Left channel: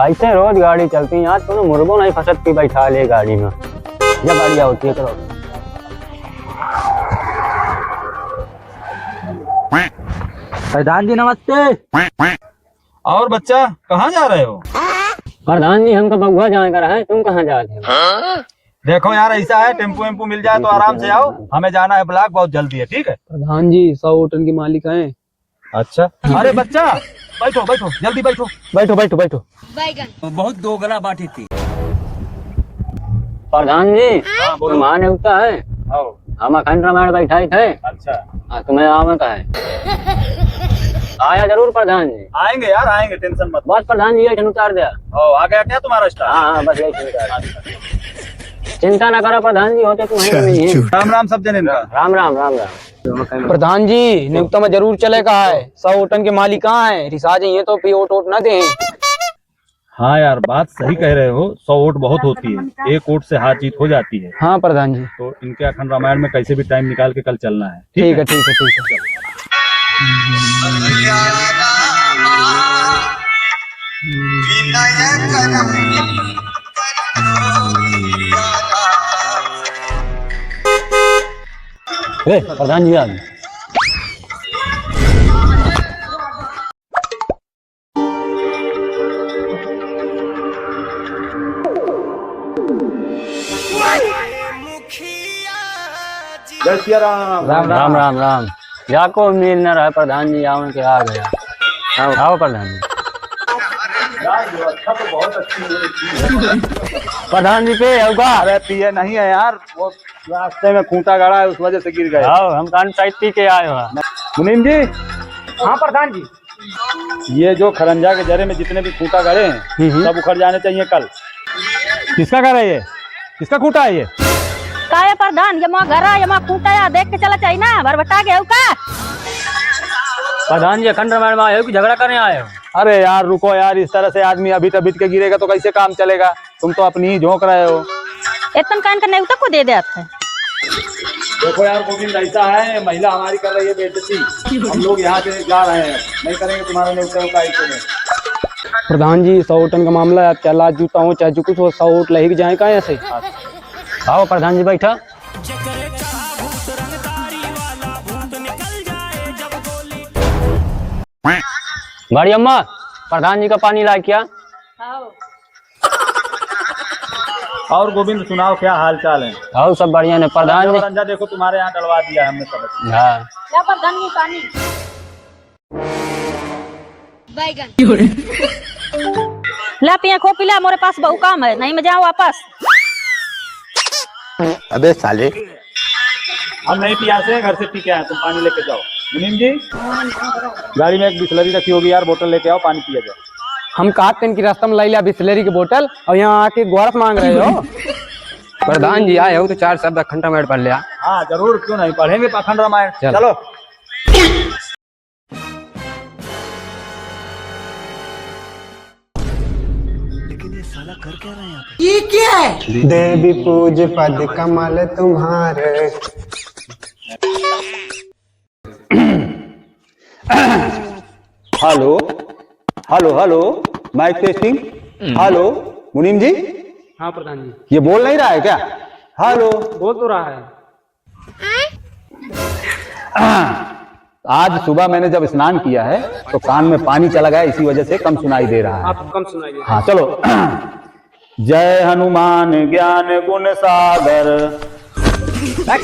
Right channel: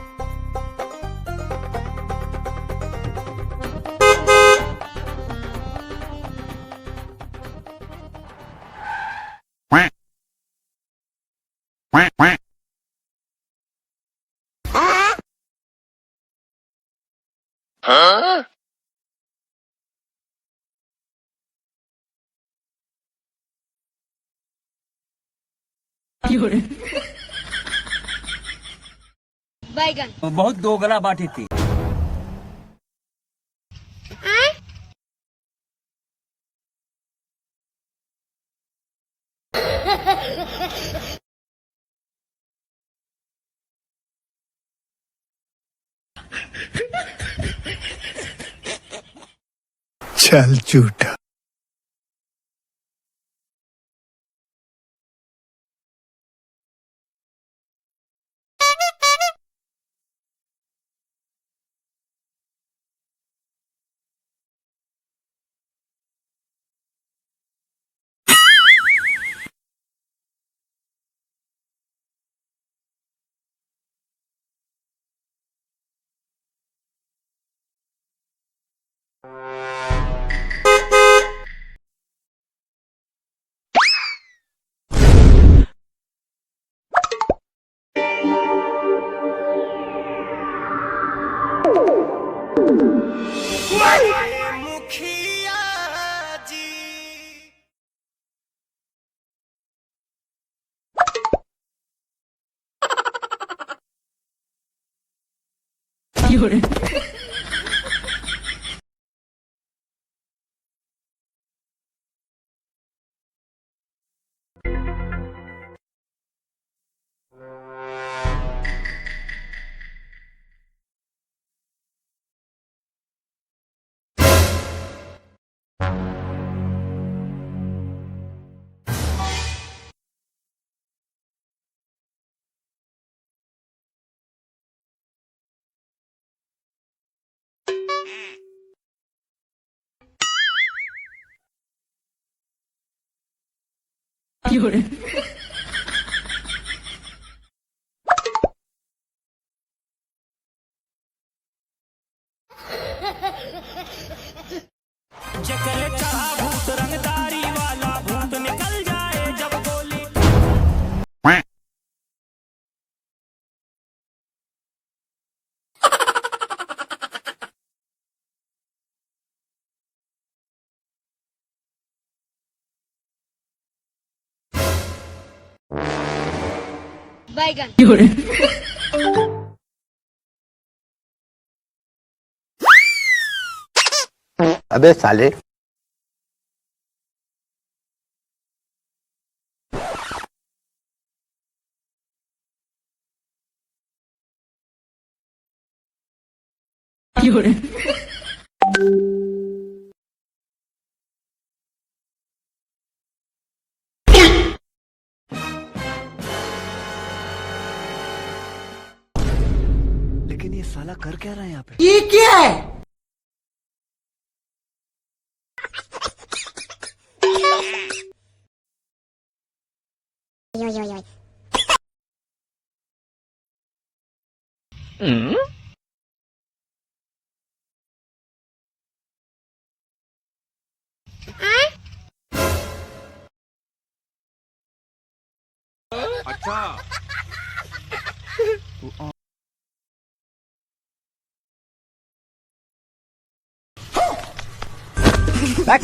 ऐसे रोज गाड़ी चलती है यार, तुम मुर्गो नहीं फंसती बैठा ले गाड़ी में, जब बढ़िया होती है। चलो प्रधान जी नमस्ते। और बच्चा कहाँ जा रहे हो? प्रधान जी, हमको बगुआ जाने का रहा है, तुम कहाँ जा रहे हो? देखो यार, ऐसा है टेम्पो वेम्पो मिल जाए तो आराम से आओ, हमें जाना है ब्लॉक, बहुत जल्दी है। ठीक है प्रधान जी 100 होटल के मालिक हैं। अच्छा, अरे बच्चा बैठो बैठो, जल्दी बैठो बैठो बैठो बैठो। बहुत दोगला बाटी थी। प्रधान जी तुम्हारे होता है, आओ। हम अखंड रामायण बैठाए थे। अच्छा, तुम्हें आवे का है? आया जरूर प्रधान जी। आएंगे यार आएंगे, टेंशन मत। बस प्रधान जी ये उतार दिया। ओ, आ गया क्या तुम्हारा स्टाफ? हाँ बस यही चिंता ना करो प्रधान जी, होते तुम्हारे। राम राम सब जने। राम राम राम राम। प्रधान जी नियुक्त में जरूर चले कहा है। 100 होटल के मालिक कहाँ है? रिसा जाइए तो पी वोट न दे। हाँ यार, बात सही कह रहे हो, 100 वोट बहुत होती है, एक वोट से हार जीत हो जाती है। हाँ प्रधान जी। तो इनके अखंड रामायण में कैसे भी टाइम निकाल के कल चलना है। ठीक है ठीक है ठीक है। प्रधान जी आ गए। जय श्री राम। राम राम राम राम। जाको उम्मीद न रहा प्रधान जी आओ के आ गया। आओ प्रधान जी। व्यवस्था तो बहुत अच्छी है। प्रधान जी पे होगा। अरे पिए नहीं है यार, वो रास्ते में खूंटा गाड़ा है, उस वजह से गिर गए। आओ हम कान साइड पी के आए हो। मुनीम जी। हाँ प्रधान जी। ये जो खरंजा के जरे में जितने भी खूंटा गड़े हैं सब उखड़ जाने चाहिए कल। किसका घर है ये? किसका खूंटा है ये? काहे प्रधान, ये मां घर है, ये मां खूंटा है, देख के चला चाहिए ना, भरभटा गए हो का? प्रधान जी अखंड रामायण में आए हो कि झगड़ा करने आए हो? अरे यार रुको यार, इस तरह से आदमी अभी तभी के गिरेगा तो कैसे काम चलेगा? तुम तो अपनी ही झोंक रहे हो। इतना कान का नेवता को दे देते हैं। देखो यार गोविंद, ऐसा है, महिला हमारी कर रही है बेइज्जती, हम लोग यहाँ से जा रहे हैं, नहीं करेंगे तुम्हारा न्योता का ऐसे में। प्रधान जी 100 होटल का मामला है, क्या लाज जूता हो चाहे जो कुछ हो, 100 वोट लही जाए का ऐसे। आओ प्रधान जी बैठा। गाड़ी अम्मा, प्रधान जी का पानी ला क्या? और गोविंद सुनाओ, क्या हाल चाल है? आओ सब बढ़िया ने प्रधान जी। रंजा देखो तुम्हारे यहाँ डलवा दिया हमने सब। हाँ क्या प्रधान जी पानी बैगन ला पिया खो पिला, मोरे पास बहु काम है, नहीं मैं जाऊँ वापस। अबे साले, हम नहीं पियासे हैं, घर से पी के आए, तुम पानी लेके जाओ। मुनीम जी, गाड़ी में एक बिस्लरी रखी होगी यार, बोतल लेके आओ, पानी पिया जाए। हम कहते हैं कि रास्ता में लाई लिया बिस्लरी की बोतल और यहाँ आके गोरख मांग रहे हो। प्रधान जी आए हो तो 4 शब्द अखंड रामायण पढ़ लिया। हाँ जरूर, क्यों नहीं, पढ़ेंगे अखंड रामायण। चलो। लेकिन ये साला कर क्या रहा है यहाँ पे? ये क्या है? देवी पूज पद कमल तुम्हारे। Hello hello hello, mic testing. Hello मुनीम जी। हाँ प्रधान जी। ये बोल नहीं रहा है क्या? हेलो। बोल तो रहा है। आज सुबह मैंने जब स्नान किया है तो कान में पानी चला गया, इसी वजह से कम सुनाई दे रहा है। आप कम सुनाइए। हाँ चलो। जय हनुमान ज्ञान गुण सागर,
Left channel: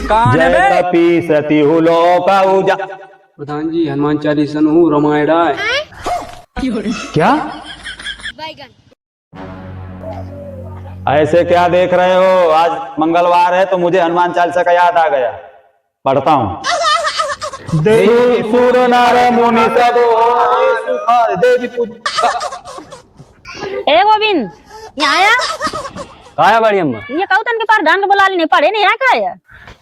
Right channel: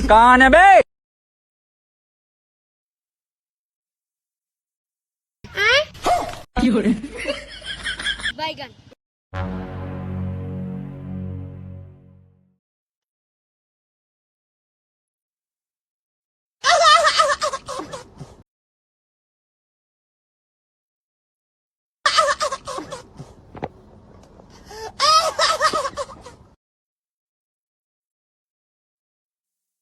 कान में पी सती हुलो का उजा। प्रधान जी हनुमान चालीसा हूँ रामायण है। क्या? ऐसे क्या देख रहे हो? आज मंगलवार है तो मुझे हनुमान चालीसा का याद आ गया, पढ़ता हूँ। देवी सुर नर मुनि सब देवी ए गोविंद, यहाँ आया? आया बड़ी अम्मा। ये कहू तन के प्रधान के बुला लेने पड़े नहीं, यहाँ का है?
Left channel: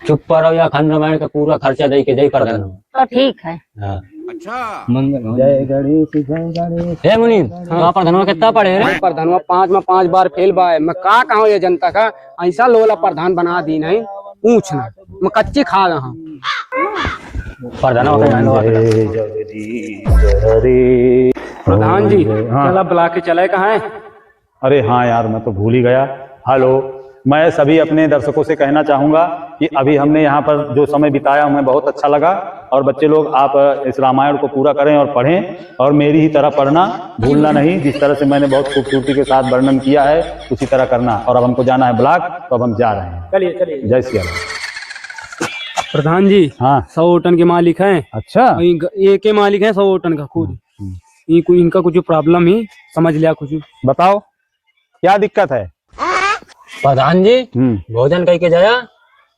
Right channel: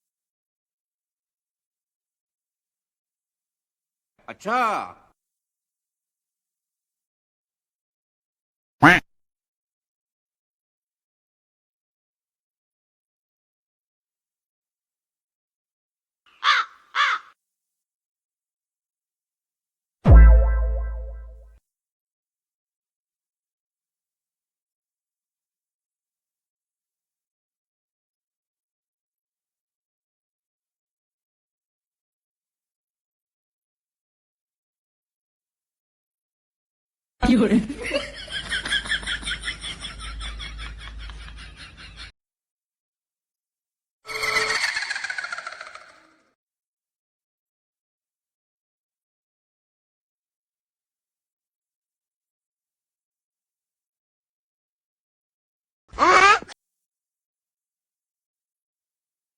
चुप पर या अखंड रामायण का पूरा खर्चा दे के दे प्रधान। तो ठीक है। हाँ। अच्छा, जय गणेश जय गणेश। हे मुनीम, वहाँ प्रधान कितना पढ़े रे? प्रधान 5 में 5 बार फेल बा है। मैं का कहूँ ये जनता का ऐसा लोला प्रधान बना दी नहीं पूछना, मैं कच्ची खा रहा हूँ। प्रधान प्रधान जी चला बुला के चले कहाँ है? अरे हाँ यार, मैं तो भूल ही गया। हेलो, मैं सभी अपने दर्शकों से कहना चाहूंगा कि अभी हमने यहाँ पर जो समय बिताया हमें बहुत अच्छा लगा। और बच्चे लोग आप इस रामायण को पूरा करें और पढ़ें, और मेरी ही तरह पढ़ना भूलना नहीं। जिस तरह से मैंने बहुत खूबसूरती के साथ वर्णन किया है उसी तरह करना। और अब हमको जाना है ब्लॉक, तो अब हम जा रहे हैं। चलिए चलिए। जय श्री राम। प्रधान जी, हाँ 100 होटन के मालिक हैं। अच्छा, एक के मालिक हैं 100 होटन का खुद। इनका कुछ प्रॉब्लम ही समझ लिया कुछ। बताओ क्या दिक्कत है। प्रधान जी भोजन कह के जाया,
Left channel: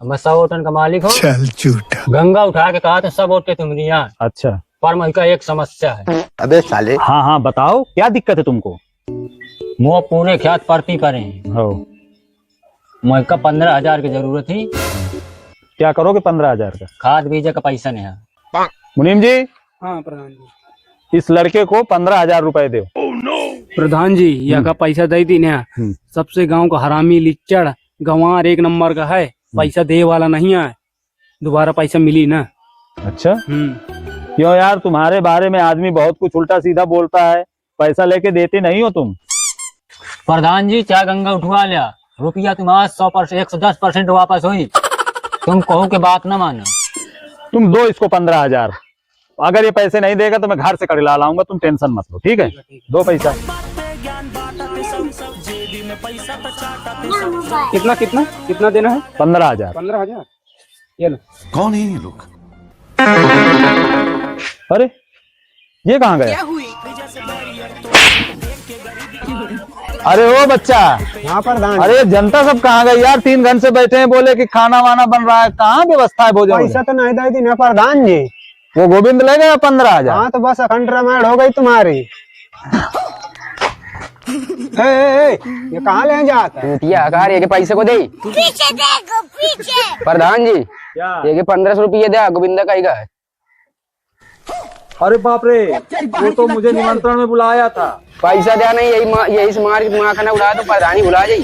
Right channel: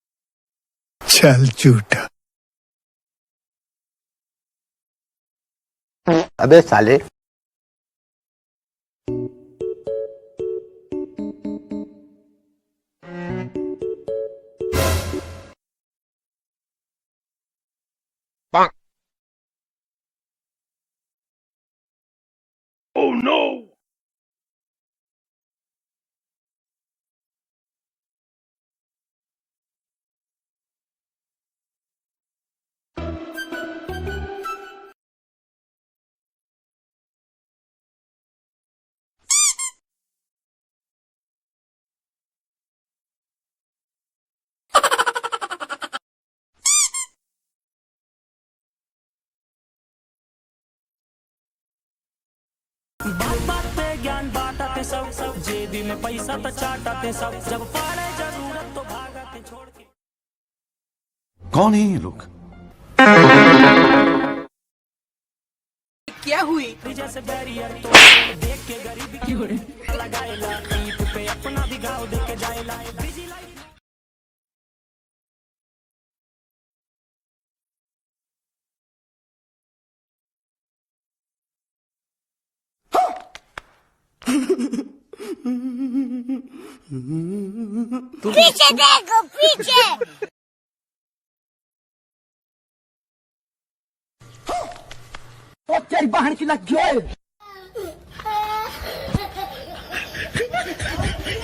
मैं 100 होटल का मालिक हूँ। चल झूठा। गंगा उठा के कहा तो सब होते तुम्हारी यहाँ, अच्छा, पर मैं का एक समस्या है। अबे साले। हाँ हाँ बताओ क्या दिक्कत है तुमको। मुँह पूरे ख्यात परती पर हो, मैं का 15,000 की जरूरत थी। क्या करोगे 15,000 का। खाद बीजे का पैसा नहीं है। मुनीम जी, हाँ प्रधान जी। इस लड़के को 15,000 रुपए दो। प्रधान जी यहाँ का पैसा दे दी ना। सबसे गांव का हरामी लिच्चड़ गंवार 1 नंबर का है, पैसा दे वाला नहीं है। दोबारा पैसा मिली ना। अच्छा, क्यों यार, तुम्हारे बारे में आदमी बहुत कुछ उल्टा सीधा बोलता है, पैसा लेके देते नहीं हो तुम। प्रधान जी क्या गंगा उठवा लिया, रुपया तुम्हारा 100% 110% वापस हुई। तुम कहो के बात ना मानो। तुम दो इसको 15,000। अगर ये पैसे नहीं देगा तो मैं घर से कड़ला लाऊंगा, तुम टेंशन मत लो, ठीक है। दो पैसा। कितना कितना कितना देना है। 15,000। 15,000। ये लो। कौन है ये लोग। अरे ये कहाँ गया। अरे ओ बच्चा, यहाँ प्रधान। अरे जनता सब कहाँ गई यार। 3 घंटे से बैठे हैं, बोले कि खाना वाना बन रहा है, कहाँ व्यवस्था है भोजन। पैसा तो नहीं दे दी ना प्रधान जी। वो गोविंद ले गया 15,000। हाँ तो बस कंट्रामेंट हो गई तुम्हारी। ये कहाँ ले जाता है। अकार ये के पैसे को दे। पीछे देखो पीछे। प्रधान जी क्या? ये के 1500 रुपये दे, गोविंदा का ही का है। अरे बाप रे, वो तो मुझे निमंत्रण में बुलाया था। पैसा देना नहीं, यही से मार के दिमाग खाना उड़ा तो प्रधानी भुला जाई।